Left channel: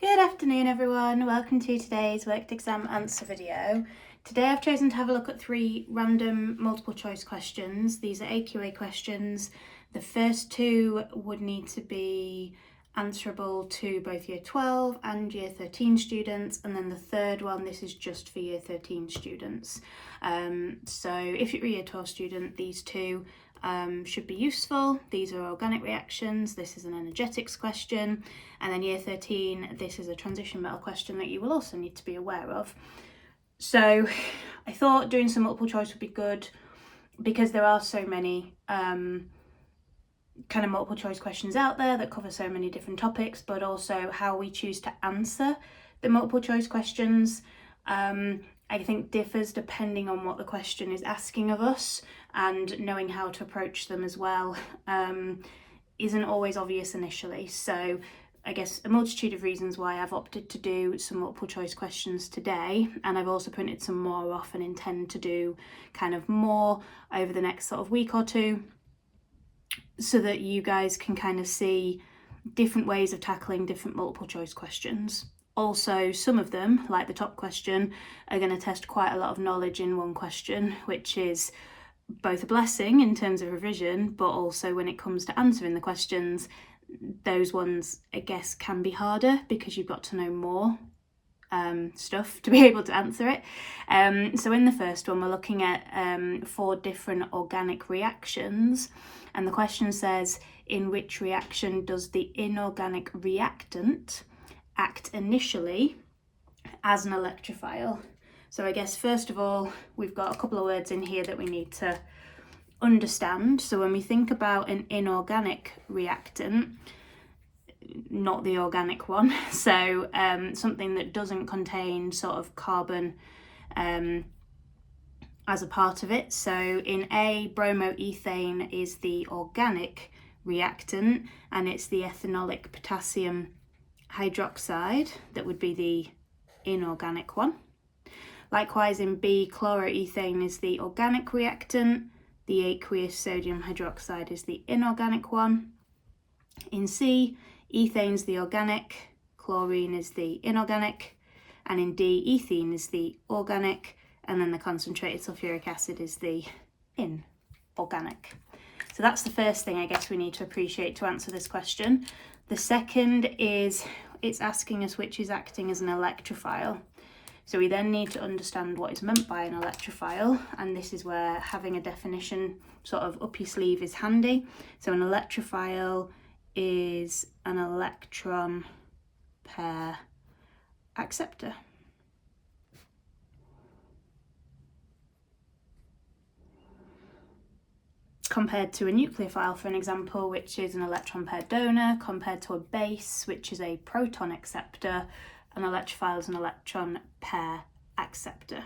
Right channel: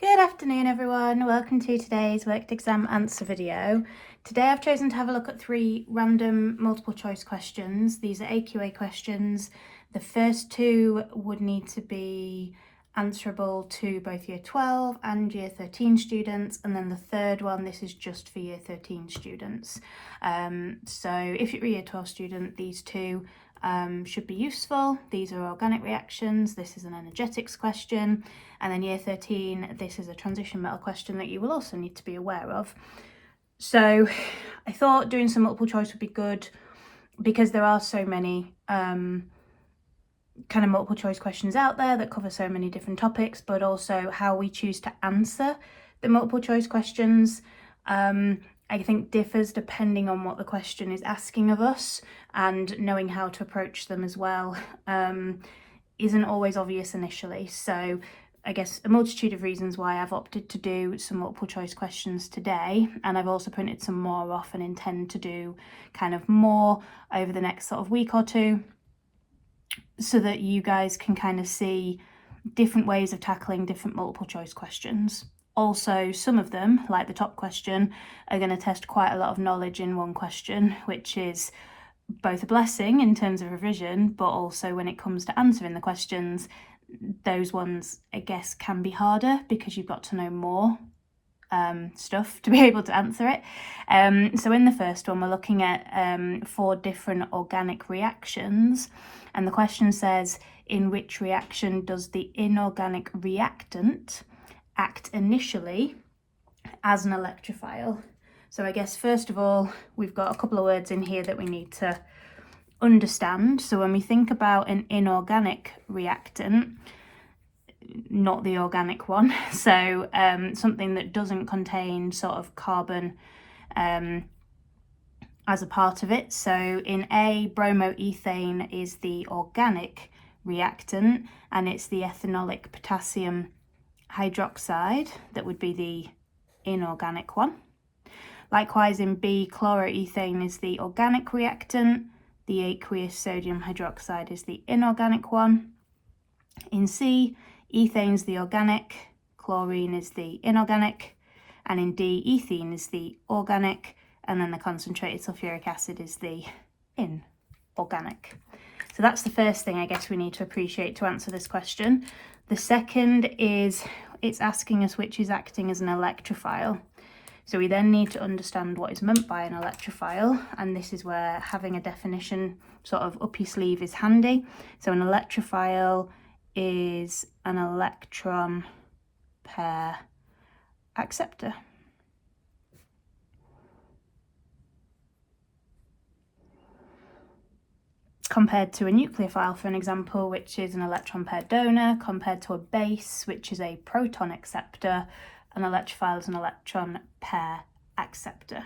Good afternoon everyone, welcome to today's worked exam answer video. Today I've chosen to have a look at 3 random multiple choice questions. These are AQA questions. The first 2 would need to be answerable to both year 12 and year 13 students, and then the third one, this is just for year 13 students. So if you're a year 12 student, these 2 should be useful. These are organic reactions, this is an energetics question, and then year 13, this is a transition metal question that you will also need to be aware of. So I thought doing some multiple choice would be good because there are so many kind of multiple choice questions out there that cover so many different topics, but also how we choose to answer the multiple choice questions I think differs depending on what the question is asking of us, and knowing how to approach them as well isn't always obvious initially. So I guess a multitude of reasons why I've opted to do some multiple choice questions today, and I've also printed some more off and intend to do kind of more over the next sort of week or two, so that you guys can kind of see different ways of tackling different multiple choice questions. Also, some of them, like the top question, are going to test quite a lot of knowledge in one question, which is both a blessing in terms of revision, but also when it comes to answering the questions, those ones, I guess, can be harder because you've got to know more stuff to be able to answer it. So in the first one, we're looking at 4 different organic reactions, and the question says, in which reaction does the inorganic reactant act initially as an electrophile? So I guess first of all, we've got a couple of words in here that we need to understand. So when we think about an inorganic reactant, not the organic one, so something that doesn't contain sort of carbon as a part of it. So in A, bromoethane is the organic reactant, and it's the ethanolic potassium hydroxide that would be the inorganic one. Likewise in B, chloroethane is the organic reactant, the aqueous sodium hydroxide is the inorganic one. In C, ethane is the organic, chlorine is the inorganic, and in D, ethene is the organic, and then the concentrated sulfuric acid is the inorganic. So that's the first thing I guess we need to appreciate to answer this question. The second is it's asking us which is acting as an electrophile. So we then need to understand what is meant by an electrophile, and this is where having a definition sort of up your sleeve is handy. So an electrophile is an electron pair acceptor. Compared to a nucleophile, for an example, which is an electron pair donor, compared to a base, which is a proton acceptor, an electrophile is an electron pair acceptor.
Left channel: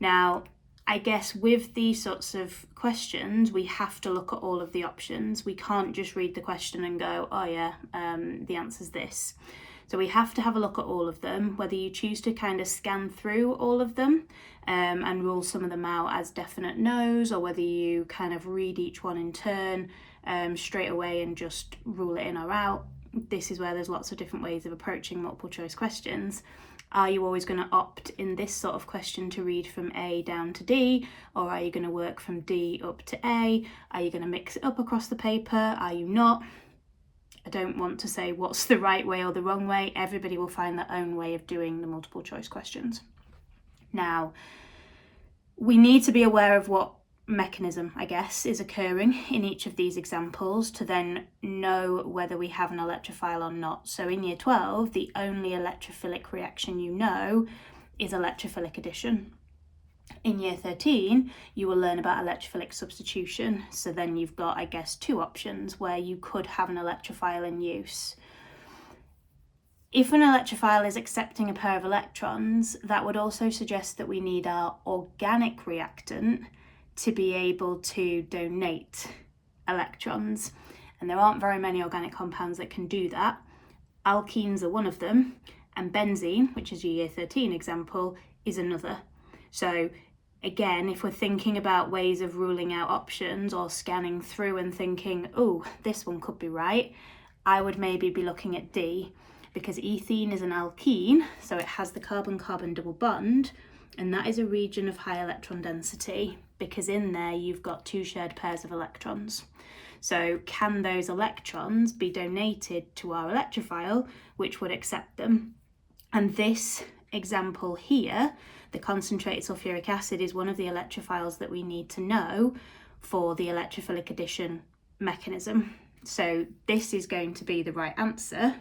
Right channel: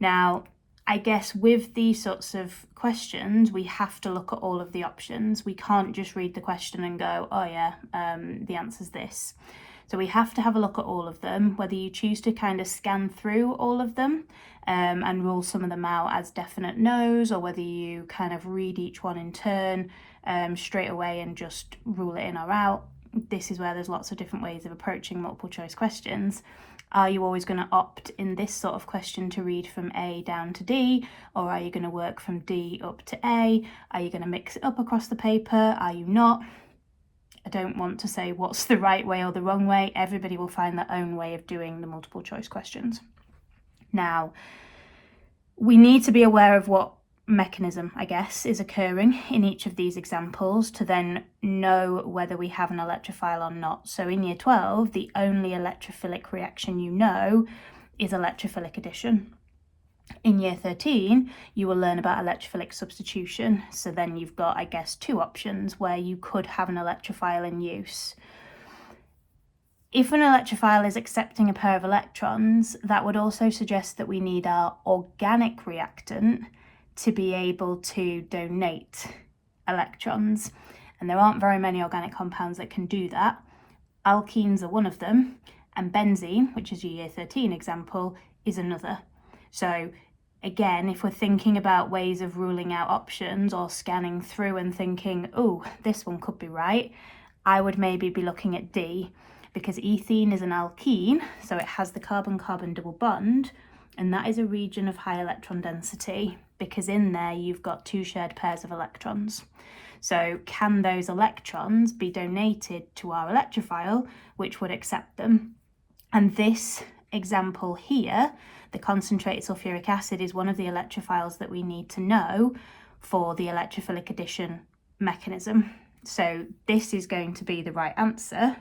Now, I guess with these sorts of questions, we have to look at all of the options. We can't just read the question and go, oh yeah, the answer's this. So we have to have a look at all of them, whether you choose to kind of scan through all of them and rule some of them out as definite no's, or whether you kind of read each one in turn straight away and just rule it in or out. This is where there's lots of different ways of approaching multiple choice questions. Are you always going to opt in this sort of question to read from A down to D, or are you going to work from D up to A? Are you going to mix it up across the paper? Are you not? I don't want to say what's the right way or the wrong way. Everybody will find their own way of doing the multiple choice questions. Now, we need to be aware of what mechanism, I guess, is occurring in each of these examples to then know whether we have an electrophile or not. So in year 12, the only electrophilic reaction you know is electrophilic addition. In year 13, you will learn about electrophilic substitution. So then you've got, I guess, 2 options where you could have an electrophile in use. If an electrophile is accepting a pair of electrons, that would also suggest that we need our organic reactant to be able to donate electrons. And there aren't very many organic compounds that can do that. Alkenes are one of them, and benzene, which is your year 13 example, is another. So again, if we're thinking about ways of ruling out options or scanning through and thinking, oh, this one could be right, I would maybe be looking at D, because ethene is an alkene, so it has the carbon-carbon double bond, and that is a region of high electron density because in there you've got two shared pairs of electrons. So can those electrons be donated to our electrophile, which would accept them? And this example here, the concentrated sulfuric acid, is one of the electrophiles that we need to know for the electrophilic addition mechanism. So this is going to be the right answer.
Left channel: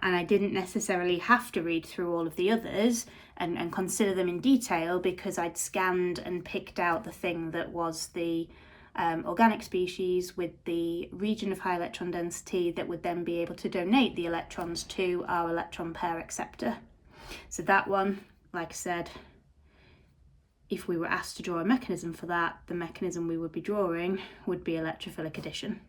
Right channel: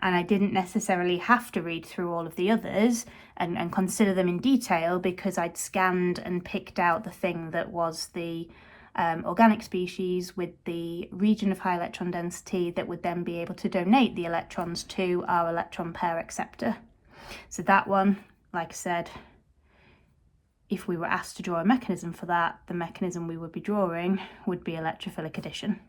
And I didn't necessarily have to read through all of the others and consider them in detail because I'd scanned and picked out the thing that was the organic species with the region of high electron density that would then be able to donate the electrons to our electron pair acceptor. So that one, like I said, if we were asked to draw a mechanism for that, the mechanism we would be drawing would be electrophilic addition.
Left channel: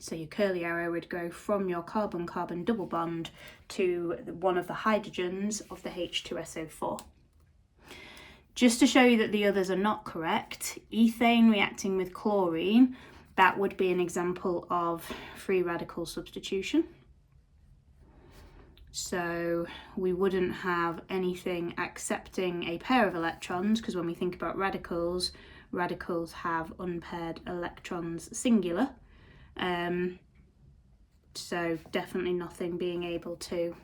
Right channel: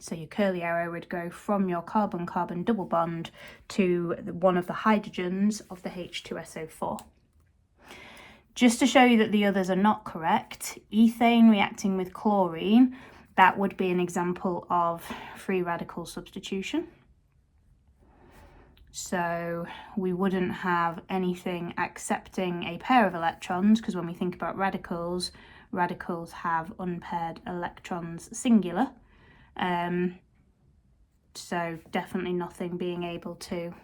So your curly arrow would go from your carbon-carbon double bond to one of the hydrogens of the H2SO4. Just to show you that the others are not correct, ethane reacting with chlorine, that would be an example of free radical substitution. So we wouldn't have anything accepting a pair of electrons, because when we think about radicals, radicals have unpaired electrons singular. So definitely nothing being able to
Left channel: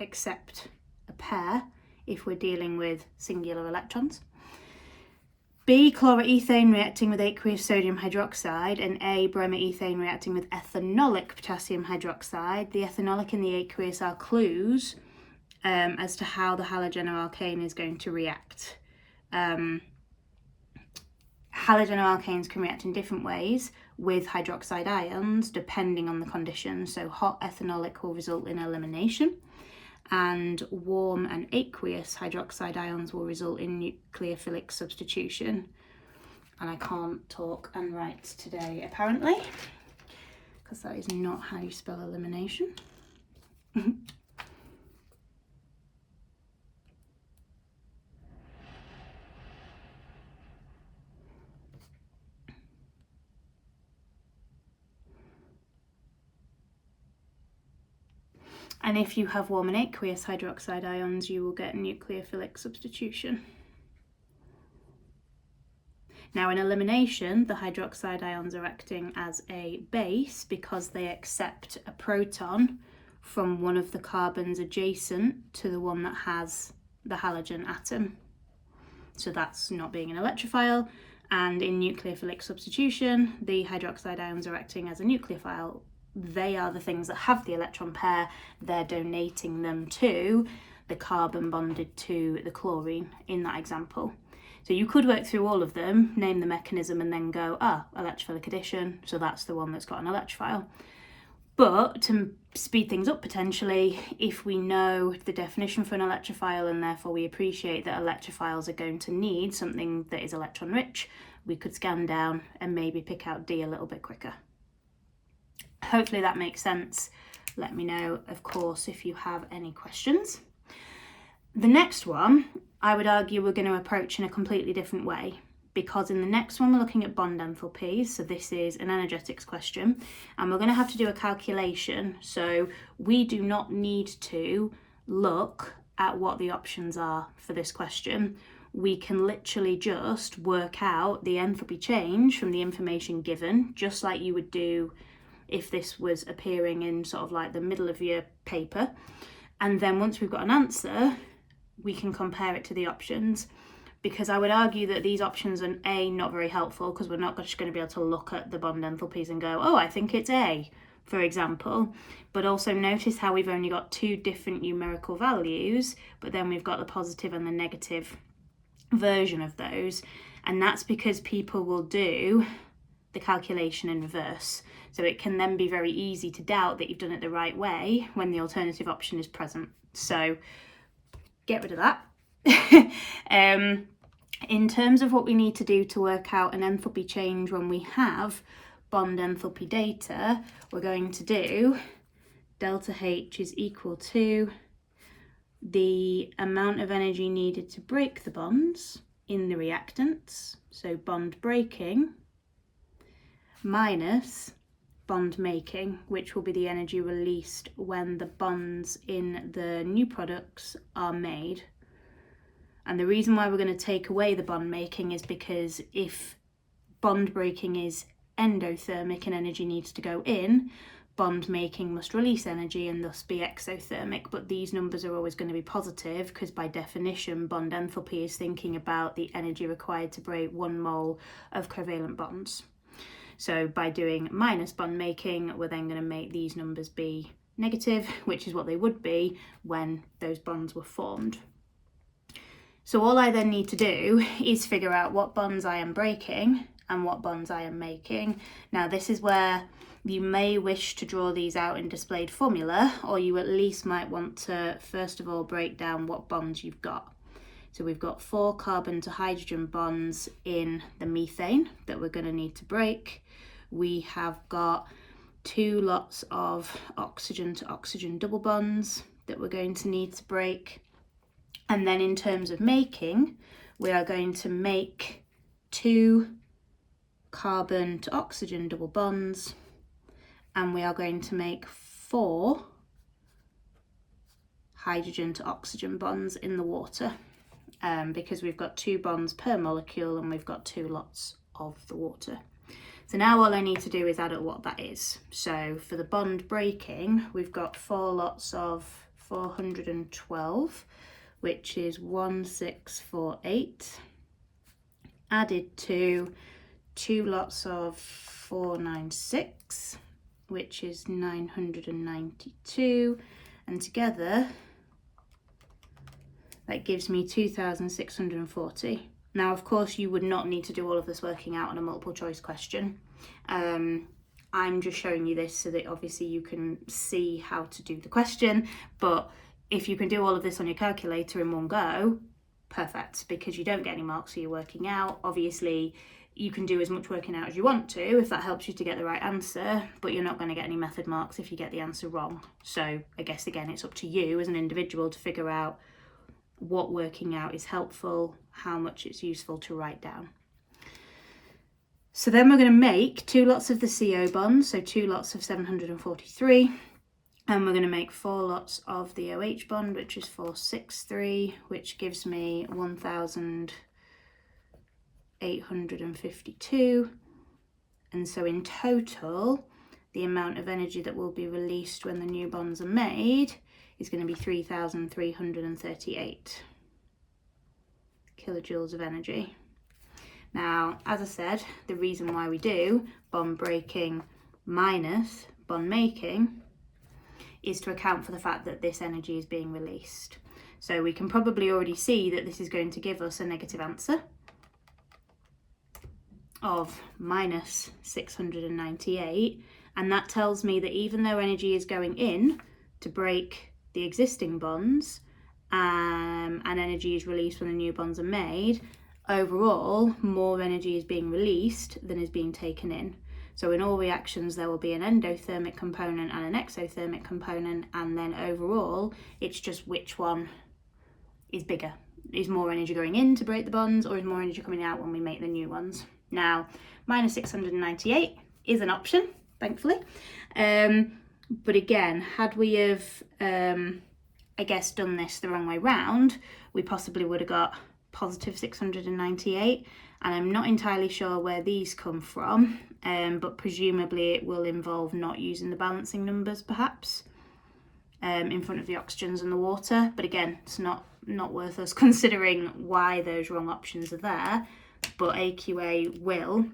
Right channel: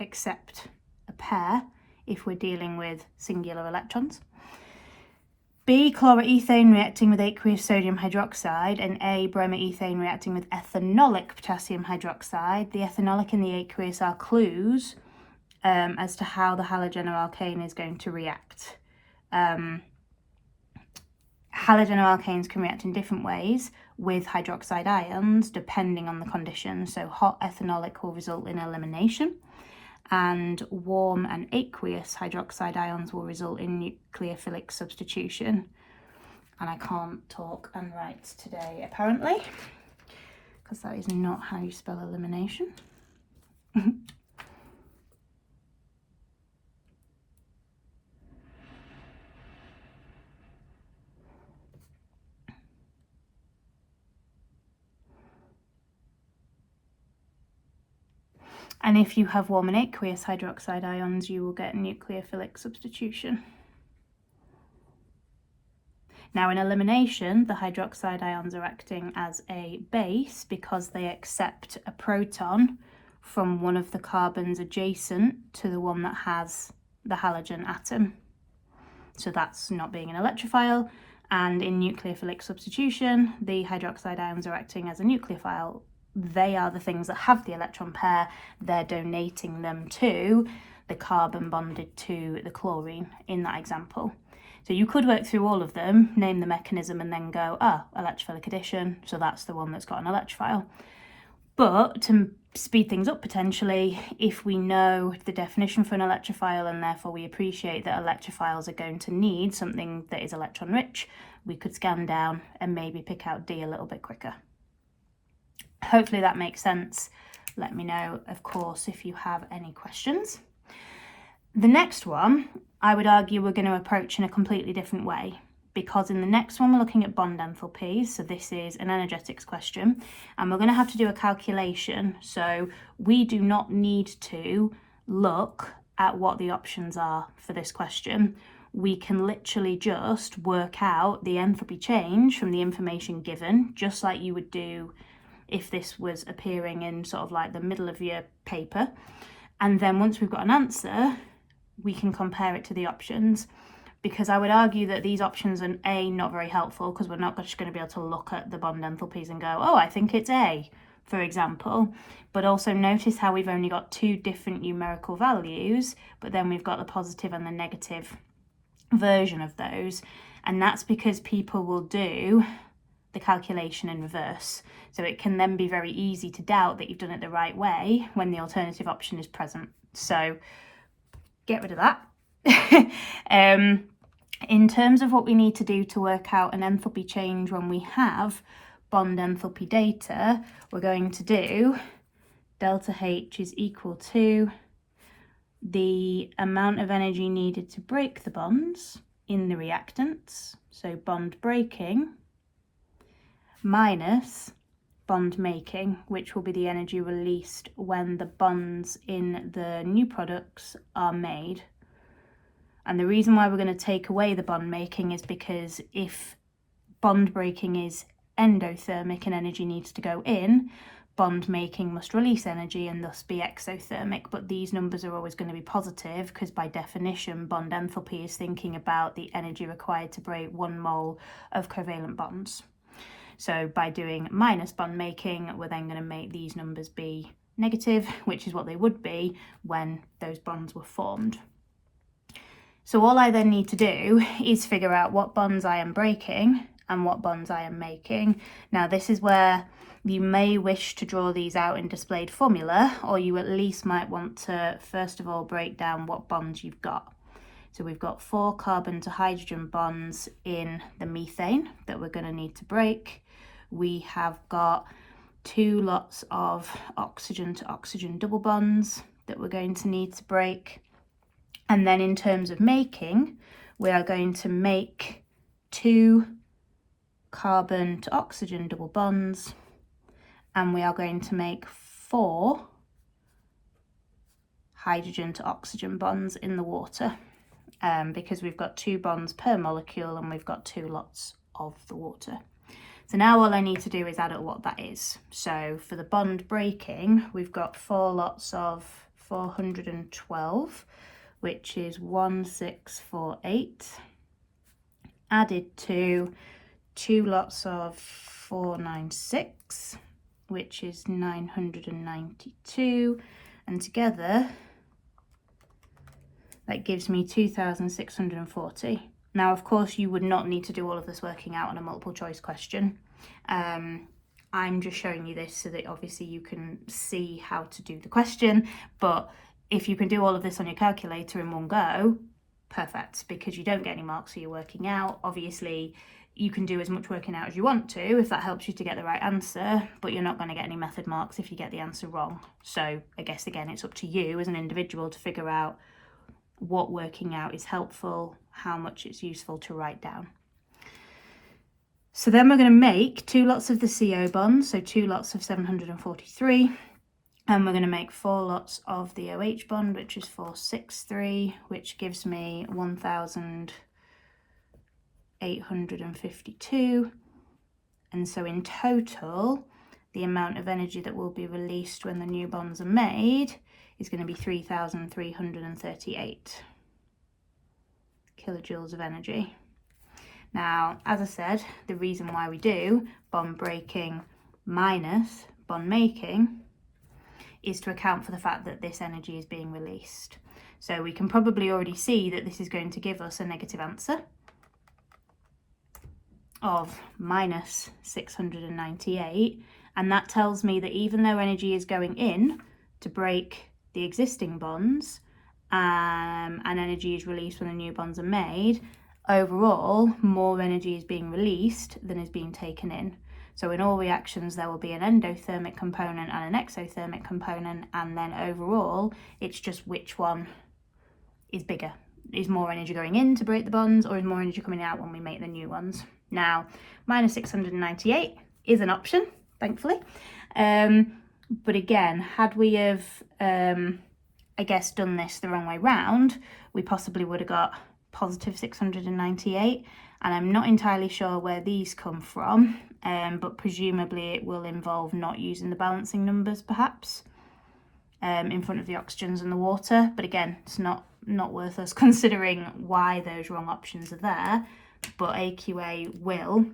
accept a pair if we're dealing with singular electrons. B, chloroethane reacting with aqueous sodium hydroxide, and A, bromoethane reacting with ethanolic potassium hydroxide. The ethanolic and the aqueous are clues as to how the halogenoalkane is going to react. Halogenoalkanes can react in different ways with hydroxide ions depending on the condition. So hot ethanolic will result in elimination, and warm and aqueous hydroxide ions will result in nucleophilic substitution. And I can't talk and write today apparently, because that is not how you spell elimination. And if you have warm and aqueous hydroxide ions, you will get nucleophilic substitution. Now in elimination, the hydroxide ions are acting as a base because they accept a proton from one of the carbons adjacent to the one that has the halogen atom. So that's not being an electrophile. And in nucleophilic substitution, the hydroxide ions are acting as a nucleophile. They are the things that have the electron pair. They're donating them to the carbon bonded to the chlorine in that example. So you could work through all of them, name the mechanism, and then go, electrophilic addition, so that's the one that's got an electrophile. But to speed things up potentially, if we know the definition for an electrophile and therefore we appreciate that electrophiles are going to need something that is electron rich, we could scan down and maybe pick out D a little bit quicker. Hopefully that makes sense. Let me know, of course, if you have any questions. The next one, I would argue we're going to approach in a completely different way, because in the next one we're looking at bond enthalpies. So this is an energetics question, and we're going to have to do a calculation. So we do not need to look at what the options are for this question. We can literally just work out the enthalpy change from the information given, just like you would do if this was appearing in sort of like the middle of your paper. And then once we've got an answer, we can compare it to the options, because I would argue that these options are A, not very helpful, because we're not just going to be able to look at the bond enthalpies and go, oh, I think it's A, for example. But also notice how we've only got two different numerical values, but then we've got the positive and the negative version of those. And that's because people will do the calculation in reverse. So it can then be very easy to doubt that you've done it the right way when the alternative option is present. So get rid of that. In terms of what we need to do to work out an enthalpy change when we have bond enthalpy data, we're going to do delta H is equal to the amount of energy needed to break the bonds in the reactants, so bond breaking, minus bond making, which will be the energy released when the bonds in the new products are made. And the reason why we're going to take away the bond making is because if bond breaking is endothermic and energy needs to go in, bond making must release energy and thus be exothermic. But these numbers are always going to be positive because by definition bond enthalpy is thinking about the energy required to break 1 mole of covalent bonds. So by doing minus bond making, we're then going to make these numbers be negative, which is what they would be when those bonds were formed. So all I then need to do is figure out what bonds I am breaking and what bonds I am making. Now this is where you may wish to draw these out in displayed formula, or you at least might want to first of all break down what bonds you've got. So we've got 4 carbon to hydrogen bonds in the methane that we're going to need to break. We have got 2 lots of oxygen to oxygen double bonds that we're going to need to break. And then in terms of making, we are going to make 2 carbon to oxygen double bonds, and we are going to make 4 hydrogen to oxygen bonds in the water, because we've got 2 bonds per molecule and we've got 2 lots of the water. So now all I need to do is add up what that is. So for the bond breaking, we've got 4 lots of 412, which is 1648, added to 2 lots of 496, which is 992, and together that gives me 2640. Now of course you would not need to do all of this working out on a multiple choice question. I'm just showing you this so that obviously you can see how to do the question, but if you can do all of this on your calculator in one go, perfect, because you don't get any marks for your working out. Obviously you can do as much working out as you want to if that helps you to get the right answer, but you're not going to get any method marks if you get the answer wrong. So I guess again it's up to you as an individual to figure out what working out is helpful, how much it's useful to write down. So then we're going to make 2 lots of the CO bonds, so 2 lots of 743, and we're going to make 4 lots of the OH bond, which is 463, which gives me 1852. And so in total, the amount of energy that will be released when the new bonds are made is going to be 3,338 kilojoules of energy. Now, as I said, the reason why we do bond breaking minus bond making is to account for the fact that this energy is being released. So we can probably already see that this is going to give us a negative answer of minus 698, and that tells me that even though energy is going in to break the existing bonds, and energy is released when the new bonds are made, overall more energy is being released than is being taken in. So in all reactions there will be an endothermic component and an exothermic component, and then overall it's just which one is bigger. Is more energy going in to break the bonds, or is more energy coming out when we make the new ones? Now, minus 698 is an option, thankfully. But again, had we have, I guess, done this the wrong way round, we possibly would have got positive 698, and I'm not entirely sure where these come from, but presumably it will involve not using the balancing numbers perhaps in front of the oxygens and the water. But again, it's not worth us considering why those wrong options are there, but AQA will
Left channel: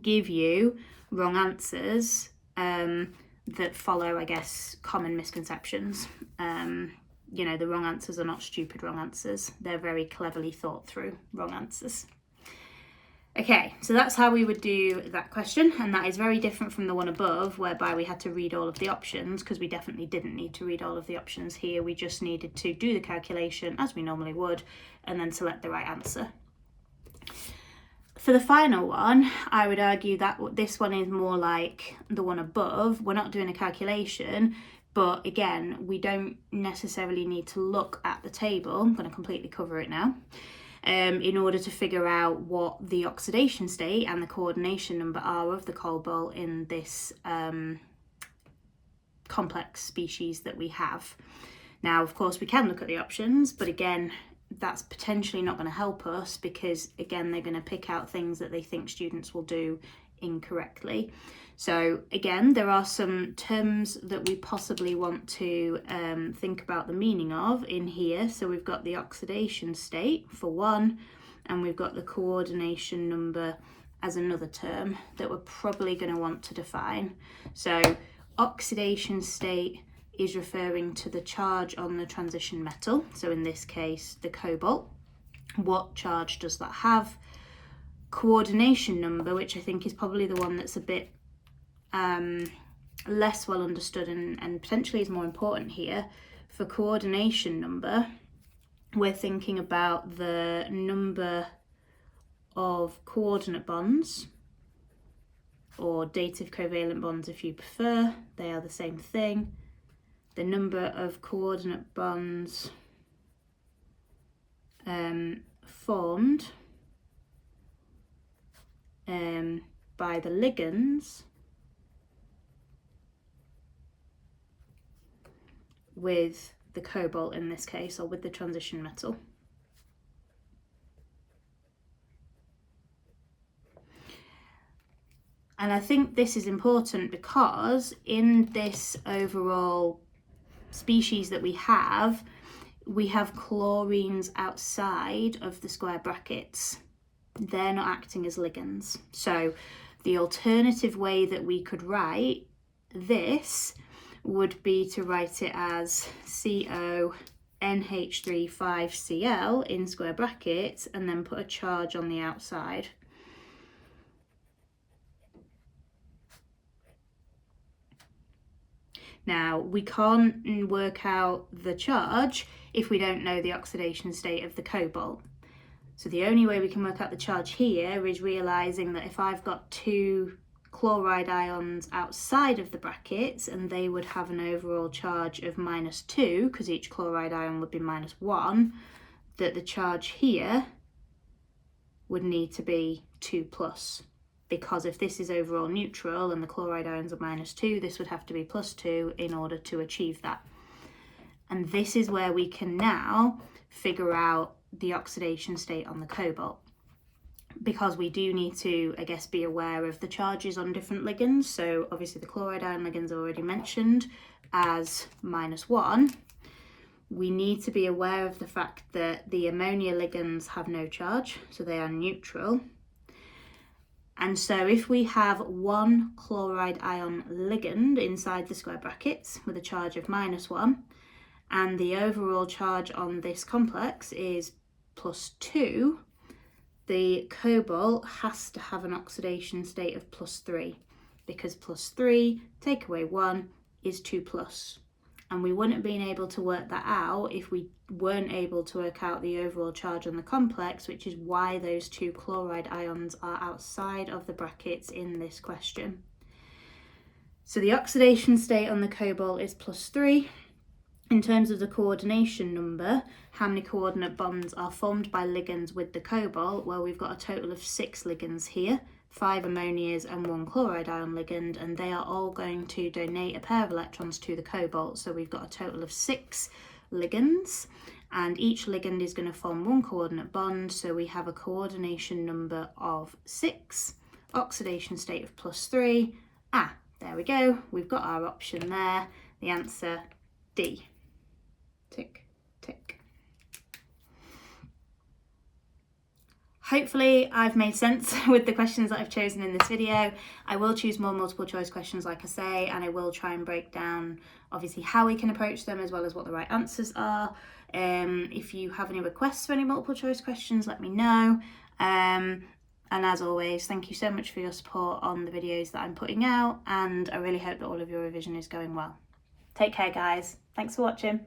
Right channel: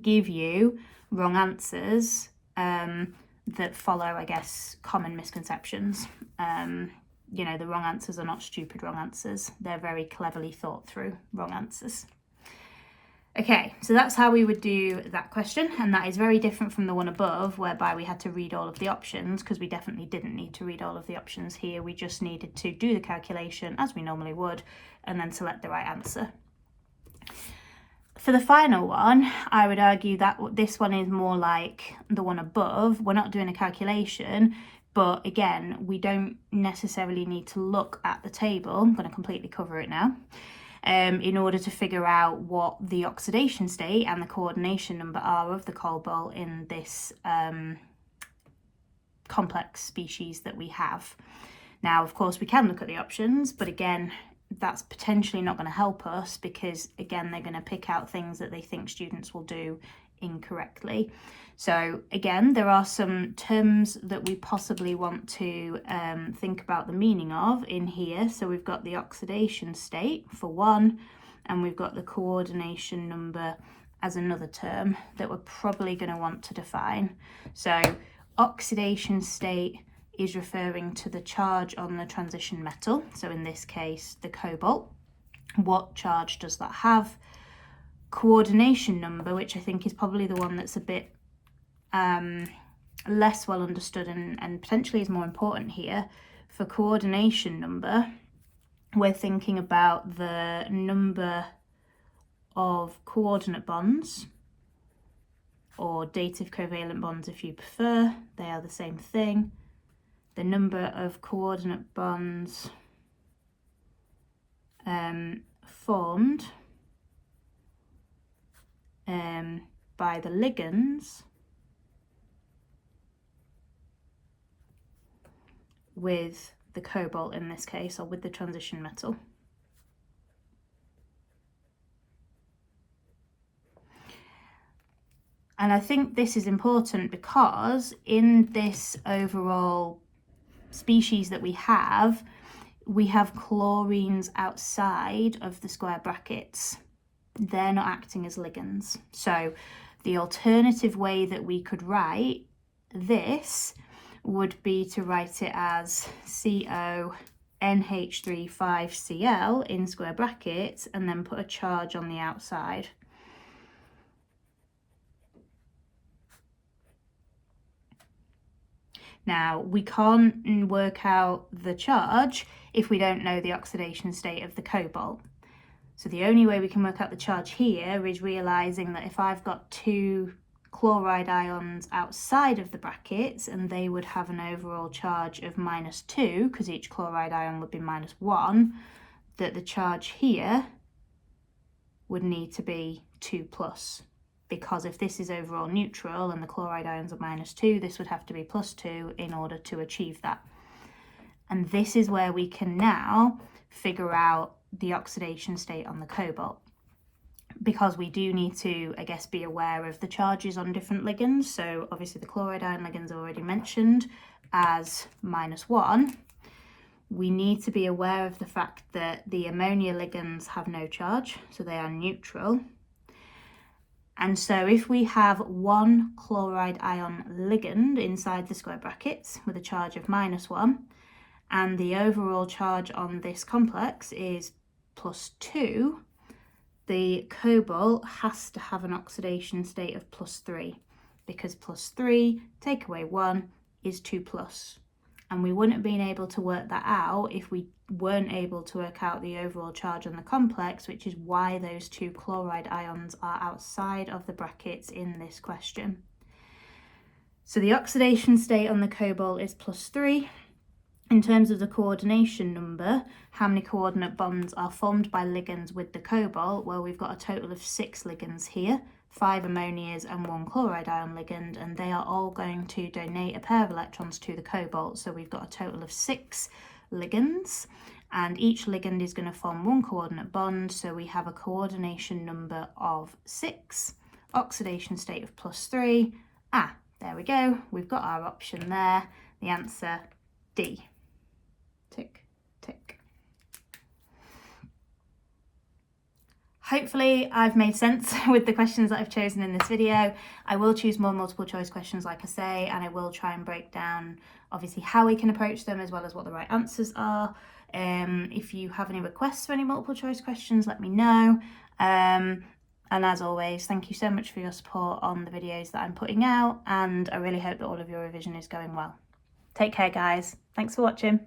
give you wrong answers that follow, I guess, common misconceptions. You know, the wrong answers are not stupid wrong answers. They're very cleverly thought through wrong answers. Okay, so that's how we would do that question, and that is very different from the one above, whereby we had to read all of the options, because we definitely didn't need to read all of the options here. We just needed to do the calculation as we normally would, and then select the right answer. For the final one, I would argue that this one is more like the one above. We're not doing a calculation, but again, we don't necessarily need to look at the table. I'm going to completely cover it now. in order to figure out what the oxidation state and the coordination number are of the cobalt in this complex species that we have. Now, of course, we can look at the options, but again, that's potentially not going to help us because, again, they're going to pick out things that they think students will do incorrectly. So again, there are some terms that we possibly want to think about the meaning of in here. So we've got the oxidation state for one, and we've got the coordination number as another term that we're probably going to want to define. So oxidation state is referring to the charge on the transition metal. So in this case, the cobalt. What charge does that have? Coordination number, which I think is probably the one that's a bit less well understood and potentially is more important here. For coordination number, we're thinking about the number of coordinate bonds, or dative covalent bonds if you prefer, they are the same thing. The number of coordinate bonds formed by the ligands with the cobalt in this case, or with the transition metal. And I think this is important because in this overall species that we have chlorines outside of the square brackets. They're not acting as ligands. So the alternative way that we could write this would be to write it as CONH3,5Cl in square brackets and then put a charge on the outside. Now, we can't work out the charge if we don't know the oxidation state of the cobalt. So the only way we can work out the charge here is realising that if I've got two chloride ions outside of the brackets and they would have an overall charge of -2, because each chloride ion would be -1, that the charge here would need to be 2+. Because if this is overall neutral and the chloride ions are -2, this would have to be +2 in order to achieve that. And this is where we can now figure out the oxidation state on the cobalt. Because we do need to, I guess, be aware of the charges on different ligands. So obviously the chloride ion ligands are already mentioned as -1. We need to be aware of the fact that the ammonia ligands have no charge, so they are neutral. And so if we have one chloride ion ligand inside the square brackets with a charge of -1, and the overall charge on this complex is +2, the cobalt has to have an oxidation state of +3, because +3 take away 1 is 2+. And we wouldn't have been able to work that out if we weren't able to work out the overall charge on the complex, which is why those two chloride ions are outside of the brackets in this question. So the oxidation state on the cobalt is +3. In terms of the coordination number, how many coordinate bonds are formed by ligands with the cobalt? Well, we've got a total of 6 ligands here, 5 ammonias and 1 chloride ion ligand, and they are all going to donate a pair of electrons to the cobalt. So we've got a total of 6 ligands, and each ligand is going to form 1 coordinate bond, so we have a coordination number of 6, oxidation state of +3. There we go, we've got our option there, the answer D. Tick, tick. Hopefully I've made sense with the questions that I've chosen in this video. I will choose more multiple choice questions, like I say, and I will try and break down obviously how we can approach them as well as what the right answers are. If you have any requests for any multiple choice questions, let me know. And as always, thank you so much for your support on the videos that I'm putting out, and I really hope that all of your revision is going well. Take care, guys. Thanks for watching.